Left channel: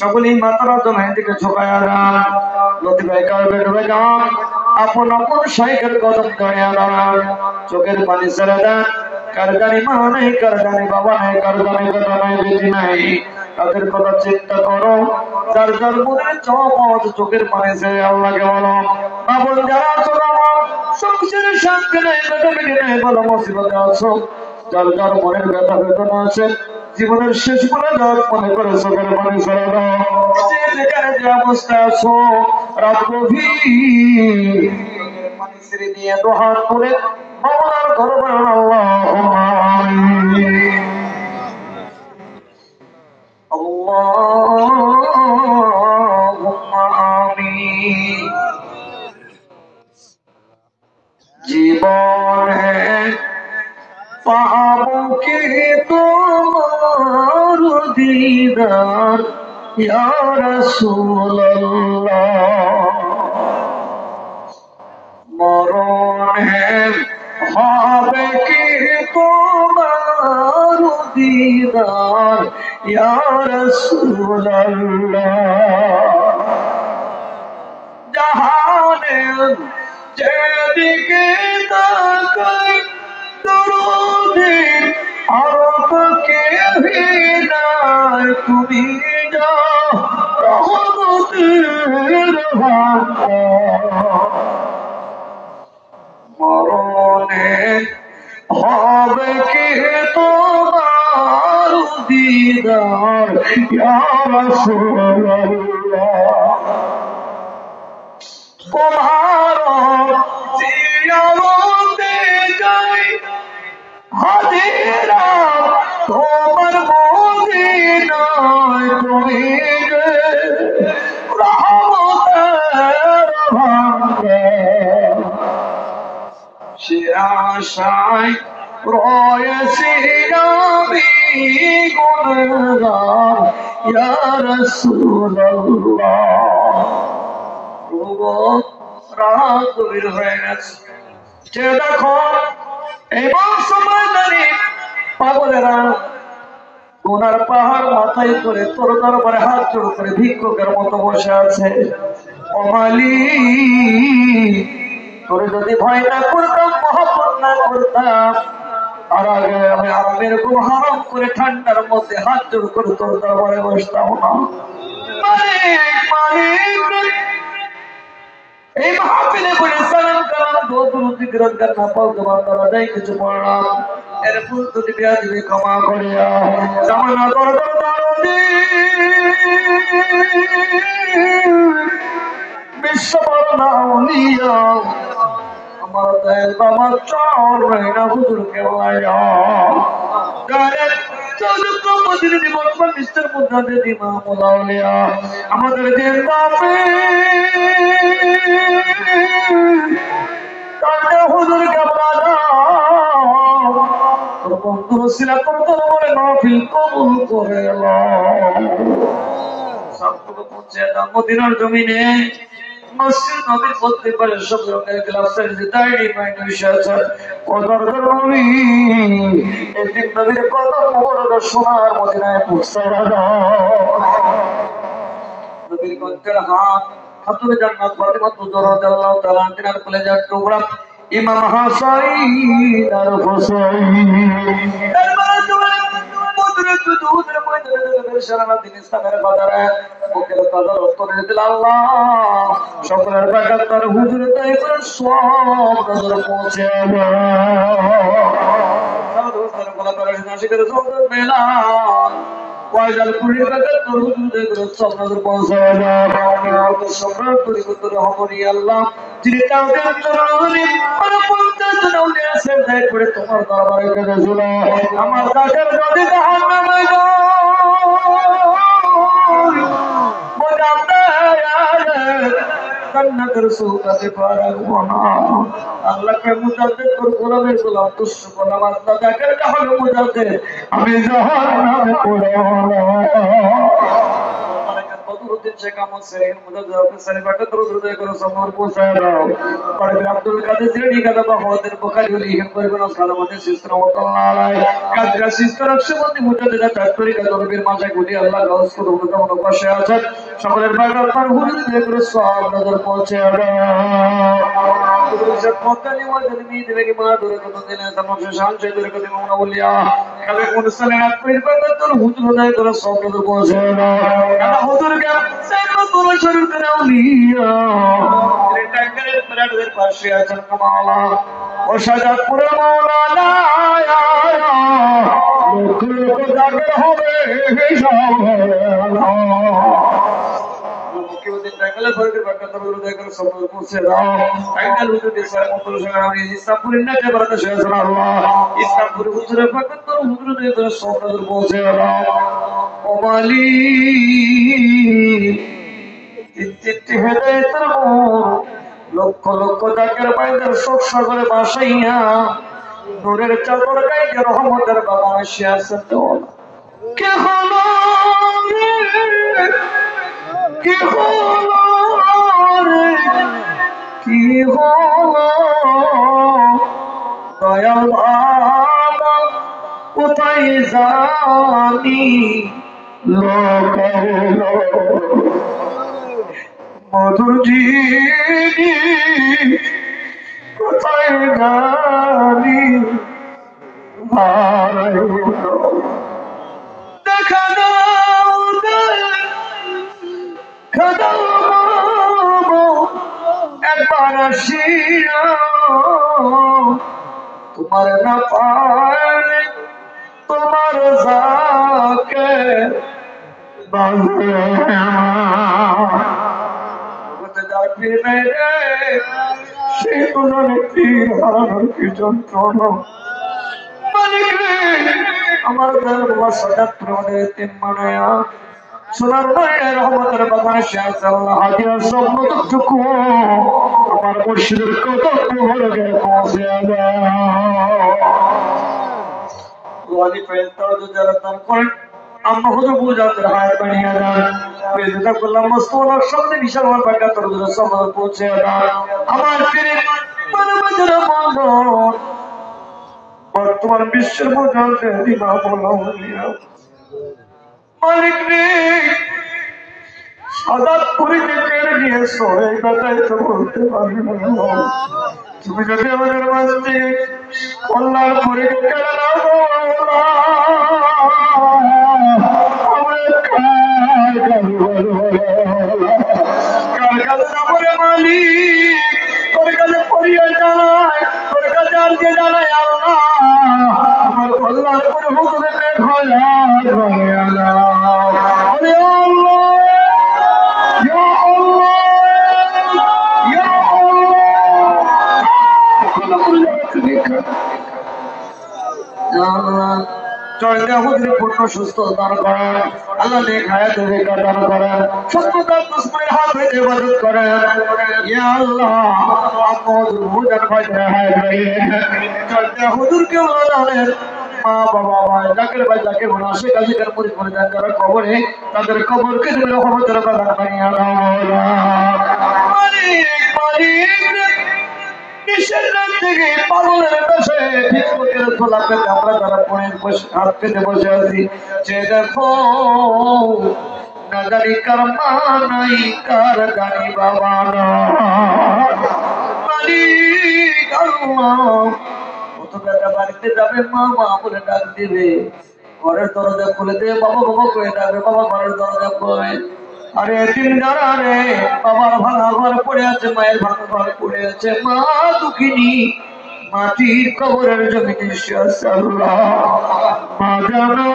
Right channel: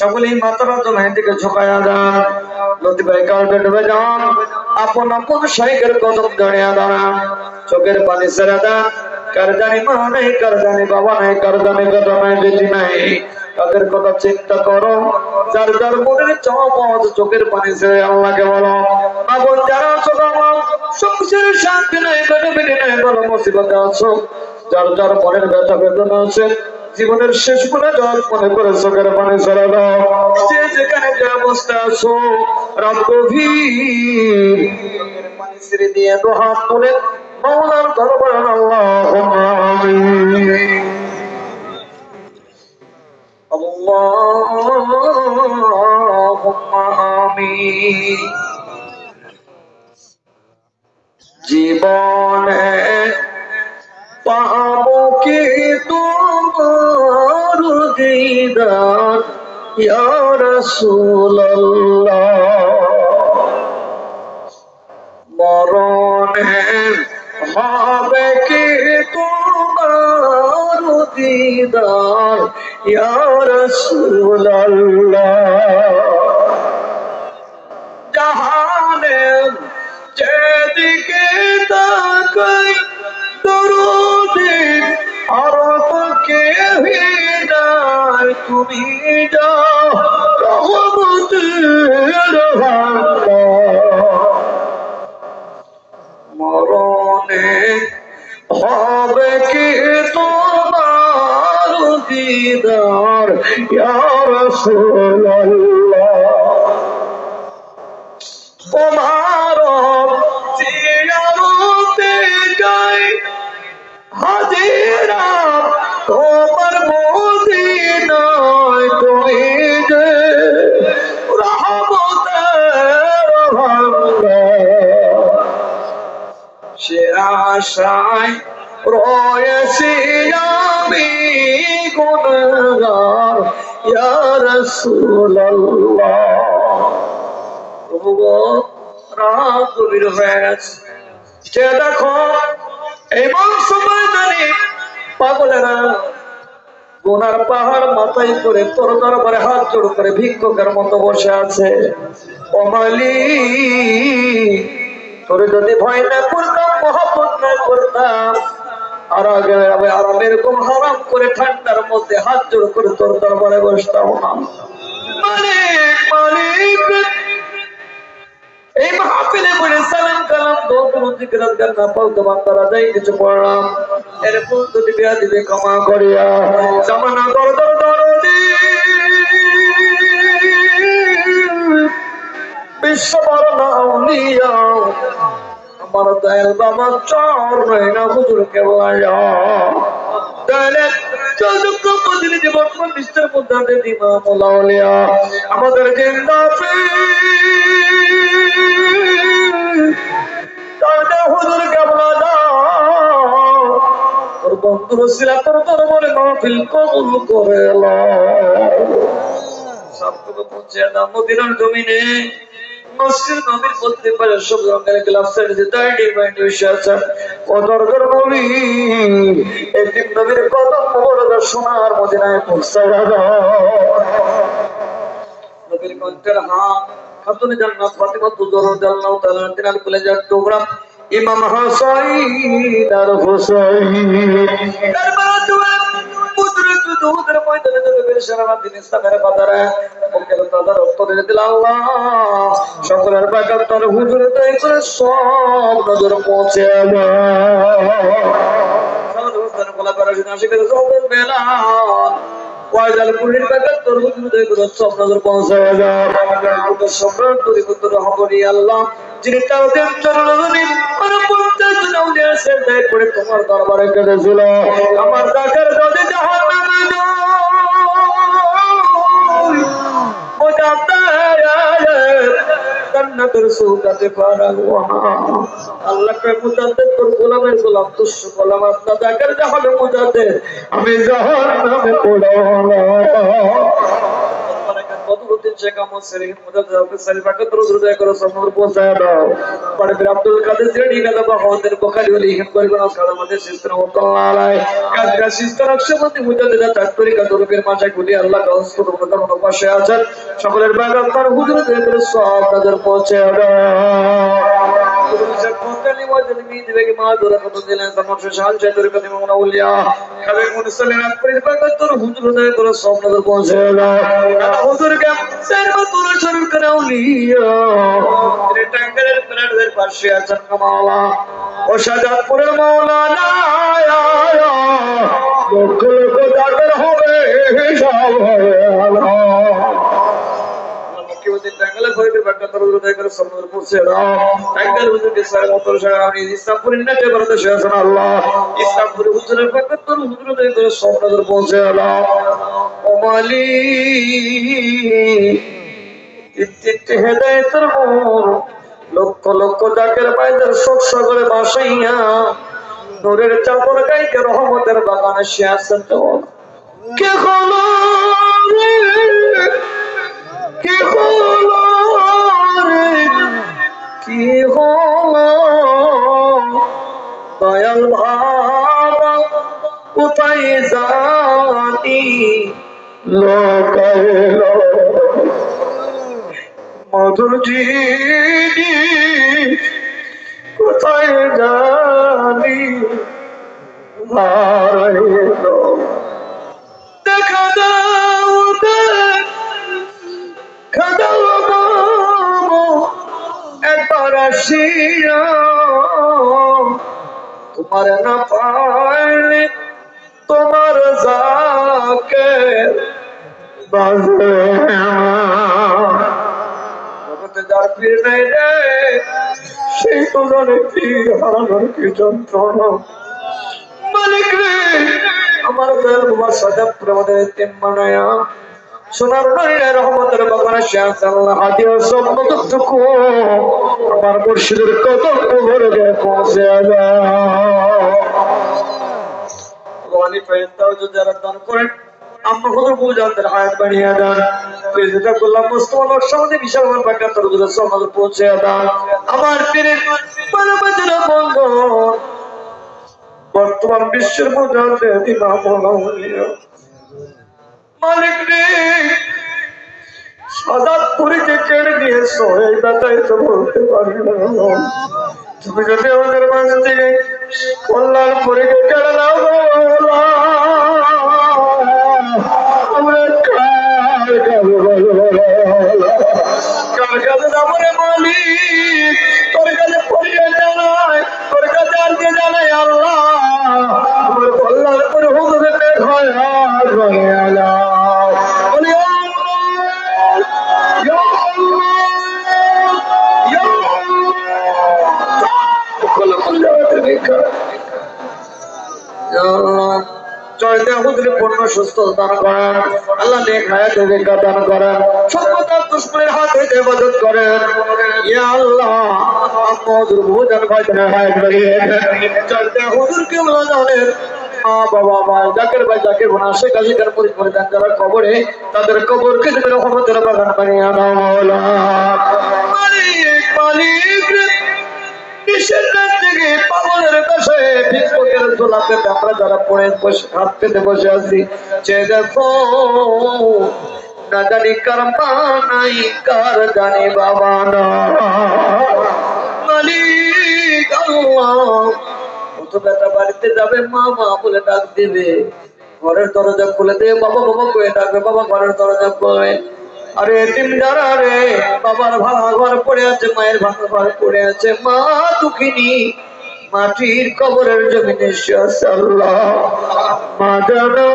সকলেই মাথাটা জমিনের দিকে ঝুঁকাইয়া দেন, নদী ভাই কাউকে ডুবে যান, আপন আপন শাইখের কদম জড়িয়ে দাঁড়ান, চোখের পানি ছেড়ে দেন। কার জানি মা নেই, কার জানি বাবা নেই, কার জানি দাদা নাই, বেটি নাই, তাদের কথা চিন্তা করো। যার যার মনের চাওয়া চোখের পানি ছেড়ে আল্লাহকে বলো। মা বোন যারা আছো আমার সংসারের শান্তি নেই, বেটা বেটি নেই, বলো মুসিবতে আছো, যার যার মনের ব্যথা বেদনা আছে, জীবনের শেষ বলে যাওয়ার মনে করে চোখের পানি ছেড়ে দাও। যে যেখানে যে অবস্থা আছো, রাত গভীর চোখের পানি ছেড়ে দিয়ে দুহাত তুলে মাওলার দরবারে আল্লাহুম্মা আমিন, আল্লাহুম্মা আমিন। জীবনে পাবো কি তোমার দিদার ইয়া রাসূলুল্লাহ, মরণে হবে কি তোমার দিদার ইয়া রাসূলুল্লাহ, জাহানের যেদিকে তাকাই দরুদে আর তো কেউই নাই, তুমি যাও রহমতের ভান্ডার, মরণে হবে কি তোমার দিদার ইয়া রাসূলুল্লাহ, তোমার জিয়ারতে যাই হাজিরা তোমার মদিনায়, তুমি যে রহমতের ভান্ডার, সে আশায় রয়েছি আমি গুণগার ইয়া রাসূলুল্লাহ। রাত গভীর হয়ে গেছে, সে দেখো এবং সময় দাঁড়িয়ে পাগলেরা গুনার পাহাড় মাথায় করে তোর দরবারে হাত জোড় করে ভিক্ষুকের মতো বসে আছে। ও মালিক, তোর যদি ভয় না করতাম, মহব্বত না করতাম, আর আগে আমি এরকম হারাম করে ঠান্ডার মধ্যে হাত জোড় করে তোর দরবারে বসতাম না। মালিক মালিক, এই মাহফিলে পড়ে সালাম কালাম দোয়া জিকিরাত গান না পাও তোমার দ্বারা যাই কিছু পড়লাম, এর ফুল তো দিয়া দিবে ক্ষমা করিয়া। জামানা দরদর দরদি বিশ্ব বড় না আউলিয়া, আমার দয়াল বাবা চর না হুজুরকে বলা দয়াল চৌদ্দ মদিনে যে বর্তমান মিস্টার মুদাদে দিমা মোলাউলিয়া আমাদের জিন্দাবে হুজুর কেমন তোর বন্ধু ছিলা তোর দরবারে মাহফিল কবুল করে সবটুকু পৌঁছে দাও মদিনার জমিনে। মসজিদ নবীর বলতে পারে সব রঙের গ্লাসের যে দাঁড়ি মাইন্ড বসে আছে কদর নবী, একদিন নবীর কদর মোবারক সোনার মদিনায় পৌঁছে দাও। নবীর কণ্ঠের হাত খাতুনে জান্নাত ফাতিমা রাদিয়াল্লাহু তাআলা আনহার কলেজার টুকরা ইমাম হাসান আর হুসাইন কারবালা পুত্র দুধের ময়দানে নবীর সারা দিন ইসলামের কদরে মুখের কদর উত্তরে দিল আল্লাহ সকলের বাকাত তার হুজুর তাই করে সব নজর পৌঁছে যাবে। সালাত হোসেন গোলাপ রাশিদ আশিকের সওদার বেলাল ওয়াইজাল কুলির বাকাত তোর হুজুর তাই করে সব নজর পৌঁছে যাবে। আমাদের সম্রাট পরিপুত্র রহমনি আল্লাহ যিনি তার চরণে মানে 50 জন আউলিয়া সেজদায় পড়ে তোমার দরবারে কেঁদেছিল, আমার জাকের যদি জাহান্নামে যায় বোঝাতে জান্নাতের সুগাতে পারাবো না। আল্লাহকে মুজাদ্দিদ তোর গোলামের গোলাম তুষ্য গোলাম আল্লাহ জাকের জাহানে মুজাদ্দিদ আমি জাহান্নামে পড়ব মধুদ্দিন শেখ আহমদ সেলিম মুজাদ্দিদ সালিম পাকে দরুদ করে সনর পৌঁছায় দাও পরে আব্দুল কাদের জিলানী কাদা বাহাউদ্দিন বুখারী ওলি হিম করিবেন খাদামাতে সিস্তান ওয়াল্লাহ আলাই কাদা সিস্তান নকশবন্দি মুজাদ্দিদ চাকরি কাদরবের মাঝে গুলি আল্লাহ গাউস করে উন্নতম পাশে আছেন সকলের বাগ আপনার হুজুর করে সব নজর পৌঁছায় দাও হুজুর শেখ মোতালি ওয়াজেদ মিদ বেগে মাদুরা কত দিলেন সমস্ত শান চেদুর কত মাওলিয়া কালে মুসলিম আকবর পাকতর হুজুর করে সব নজর পৌঁছায় দাও আল্লাহ হুজুর কে সাইমা তোরা শরীর করে আউলিয়া রে টাঙ্গালের প্লাটের পাশে আছেন কামালা ও শাহজাদপুরে মাওলানা লোক লোক জাগর হবে সব আল্লাহ মুকিউদ্দিন টাঙ্গালের ফরিদের বাক্কাতর হৃদয় করে সনর পৌঁছে দাও টাঙ্গাল হুজুরকে সারা মতর শাহরানি ইসলামপুরের নাতে বরতে শাহজান আল্লাহ ইসলামপুর হুজুরের বাক্কাতর হুজুর হৃদয় করে সব নজর পৌঁছে দাও ও মালিক ইত্তিতে হেদায়েতের নূর লক্ষ লক্ষ জাকের বাইদের শোক সাগরে ভাসাইয়া নূরের চাদর গাইতে রহমতের বাগানে শিয়াসত দেওয়া কে হলো রে কি হলো রে কি হলো দয়াল বাবা কোথায় জানি লোক এলো মধুর জিনি কোথায় জানি দেখা দাও দেখা দাও একবার আসিয়া তোমার না পাইলে তোমার যাকে বাজে যার পীর নেই রে সেই তো জানে কি হারানোর কি যন্ত্রণা মালিক রে আমার দয়াল বাবা সাজাদপুর আমাদের এতিম বানায়া সোনার নয়নের রহমতের বাগানে শাহ আল্লাহ হাদিয়া সব মতটুকু আমার মুর্শিদের কদম মোহরে পৌঁছে দাও ওয়ালি ফেরেশতারা যারা দান করেন আমরা হুজুর বুঝাতে হায়াত বানিয়ে দেন প্রেজেন্ট করলাম মুস্তফার সামনে বিশাল বাঁকা তরুদের সমাজ পৌঁছে দাও আমার পীরের মানবতার বন্ধন বর্তমান বিশ্বের মধ্যে দিমা বলিয়া মালিক রে সাজাদপুরীকে কেড়ে নিয়েছো এই ব্যাপারে তো বলতে পারি না তুমি যদি আমাদের মাঝ থেকে কল্যাণপুরীকে কেড়ে নাও আমরা কার কাছে যাবো রে মালিক তোর কাছে পড়িয়ে জানাই তোর কাছে আনতে জানাই আল্লাহ আমার কল্যাণপুর হুজুরে পেট হয় আর বলে আল্লাহ বলে পূর্ণ সুস্থ দান করেন আল্লাহ নেক হায়াত বেকার দান করেন সত্যতার দুশ্মনের হাত হইতে হেফাজত করেন ইয়া আল্লাহ আপনাদের বহুজান ভাইদের হায়াত বাড়িয়ে চলতে হুজুরকে বলা জানেন মা বাবা ভাই জাকের ভাই জাকের বোনা শেখ হাসিনার পরিবার যারা কবরে তাদের কবরকে রহমতের বাগান বানিয়ে দাও মালিক মালিক কিসের থেকে পাগলের কাছে ভিক্ষুকের গোলাপে আমরা যারা পড়ে বসে হাত পেতে বসে আছি যে দেখো না জানি কার মা নাই কার জানি বাবা না মালিক আল্লাহ তো বেটা বাড়িতে যাবে মা মা বলে ডাক দিবে ঘরের দরজা খুলে দিয়ে বাবা বাবা করে ডাকবে বাবা ঘরের দরজা খুলবে আরে এতিম যারা রে বাবার ভাঙা ঘর পড়ে আছে মায়ের ভাঙা ঘর পড়ে আছে মা দুঃখিনী মাটির কবরের জমিনে আল্লাহ মা জানো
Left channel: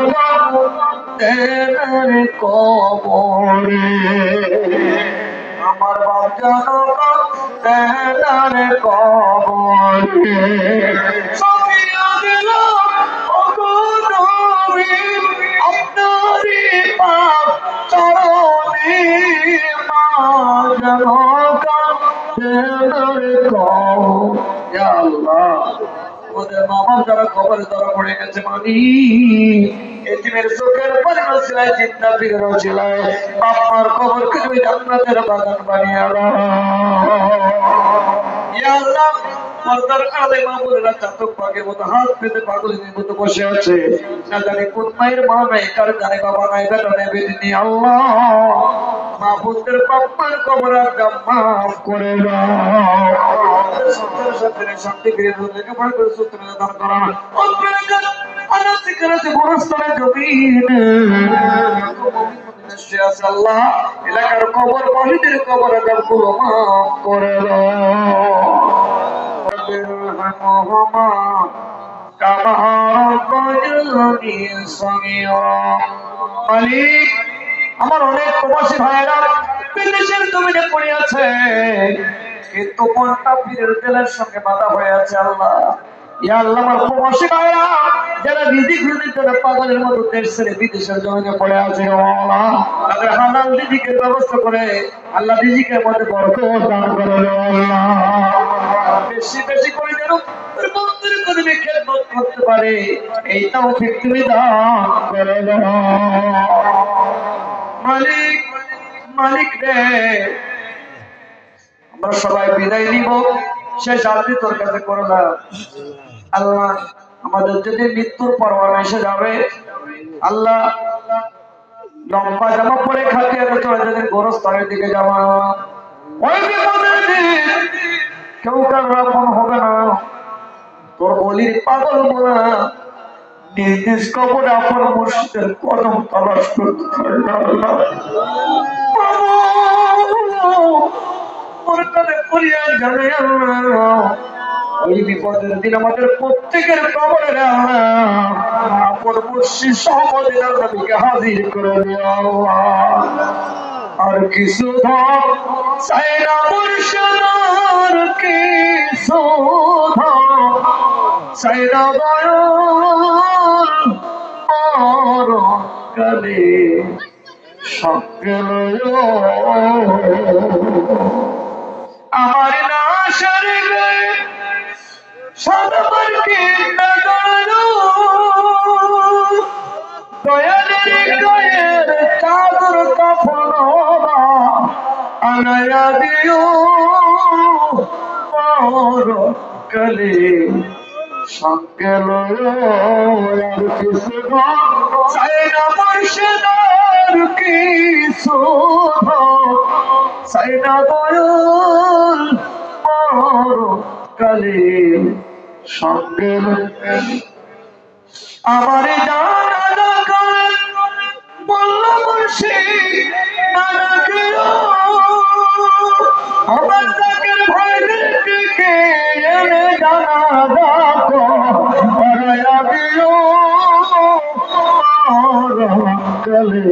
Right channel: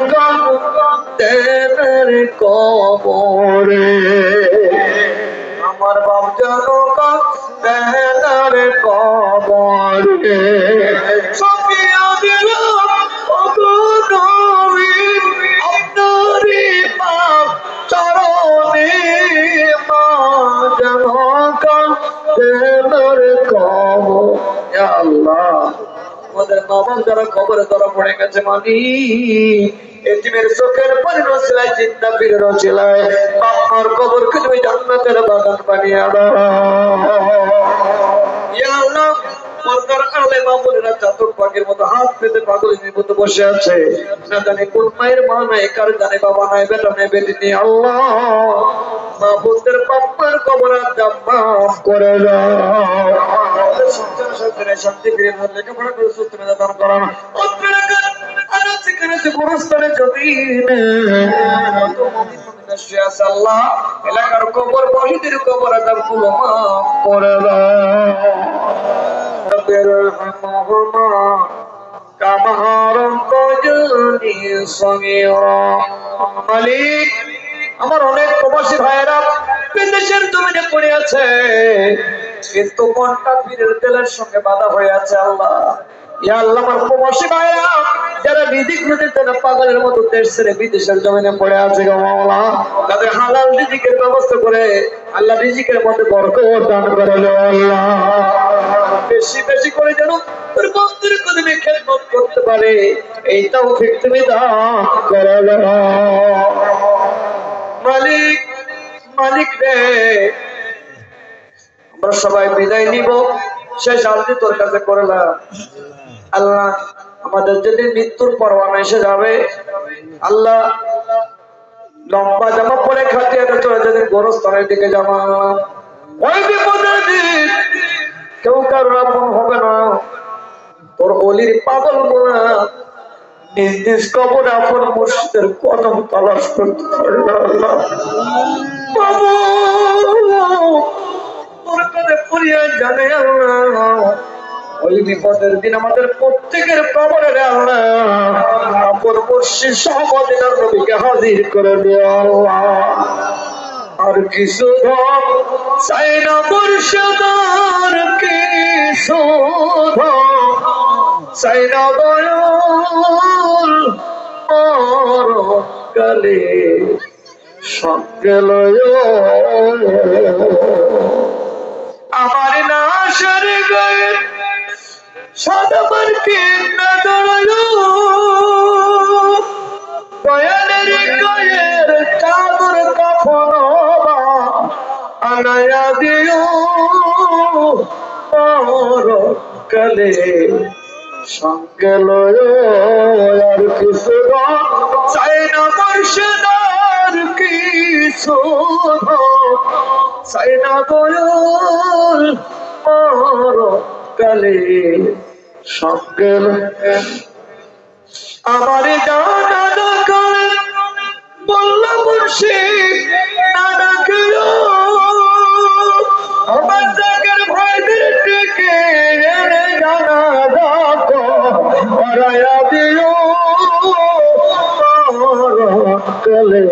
তেনার কবরে আমার বাপ জানো তেনার কবরে আমাদের মা বাপ যারা খবরে ধরা পড়ে গেছে মানি এতিমের চোখের পানি রসিলায় চিন্তা পীরের রসিলায় বাপ মার কবরকে তুমি জান্নাতের বাগান বানিয়ে দাও ইয়া আল্লাহ পর্দার আড়ালে মা বোনেরা চাতক পাখির মতো হাত পেতে পাগলের মতো বসে আছে না জানি কোন মায়ের মা নাই কার জানে বাবা নাই বেটা নাই বেটি নেই আল্লাহ মা বোনদের পাপ্পার কবর আদাব মাফ করে দাও সন্তান সন্তানের শান্তি ফিরে ধরে লেখাপড়া করে সুস্থ দান করা আনাচে কানাচে গোরস্থানে জমিনে আল্লাহ এলাকার কবর বহিদের কবর আদাব গুলো মাফ করে দাও মালিক আমার অনেক প্রবাসী ভাইয়েরা বিদেশের জমিনে পড়ে আছে কিন্তু মনটা পীরের তেলের সঙ্গে বাঁধা হয়ে আছে আল্লাহ ইয়া আল্লাহ আমার প্রবাসী ভাইয়েরা যারা রিজিক রুজির জন্য পাগলের মতো দেশ ছেড়ে বিদেশের জমিনে পড়ে আছে আল্লাহ তাদের হালাল রিজিকের ব্যবস্থা করে আল্লাহ রিজিকের মধ্যে বরকত দান করে আল্লাহ বেশি বেশি করে যেন তোর বন্ধুর কদমে খেদমত করতে পারে এই তৌফিক তুমি দান করে মালিক মালিক রে আমরা সবাই বিদায় নিব শেষ আরতি তোর কাছে করলাম আল্লাহ আমাদের যদি মৃত্যুর পরোয়ানা এসে যাবে আল্লাহ লম্বা জামা পরে খাটিয়ে চলে যাদের গোরস্থানের দিকে যাওয়া ওই বিপদের দিন কেউ কারো আপন হবে না তোর অলির পাগল মোরা নির্দেশ কবর আপন মুর্শিদের কদম তালাশ করতে পারে না আল্লাহ ওর কাছে পড়িয়া জানে আল্লাহ ওই বিপদের দিন আমাদের প্রত্যেকের কবরে আপন মুর্শিদ সহজের নবীকে হাজির করে দেওয়া আর কিছু ধর চাই না মুর্শিদ আর কিছু ধর চাই না দয়াল কালে সঙ্গে লয় আমার লাশের গায়ে সদবার কে না দাঁড়ালো দয়ালের গায়ের চাদর কাফন আড়াইয়া দিও কালে সঙ্গে লয় আর কিছু চাই না মুর্শিদ আর কিছু চাই না দয়াল কালে সঙ্গে আমার দাদা কালে বলল মুর্শিদ দাদাকে আমার জাগের ভাইদের দিকে এনে জানা দেখো হারায়া দিও কালে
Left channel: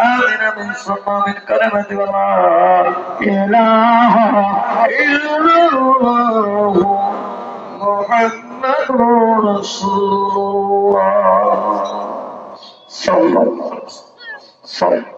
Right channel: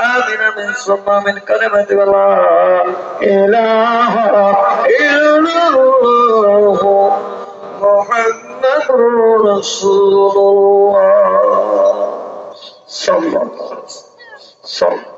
آمين آمين ثم آمين كلمة الله إله إلا الله محمد رسول الله صلى الله عليه وسلم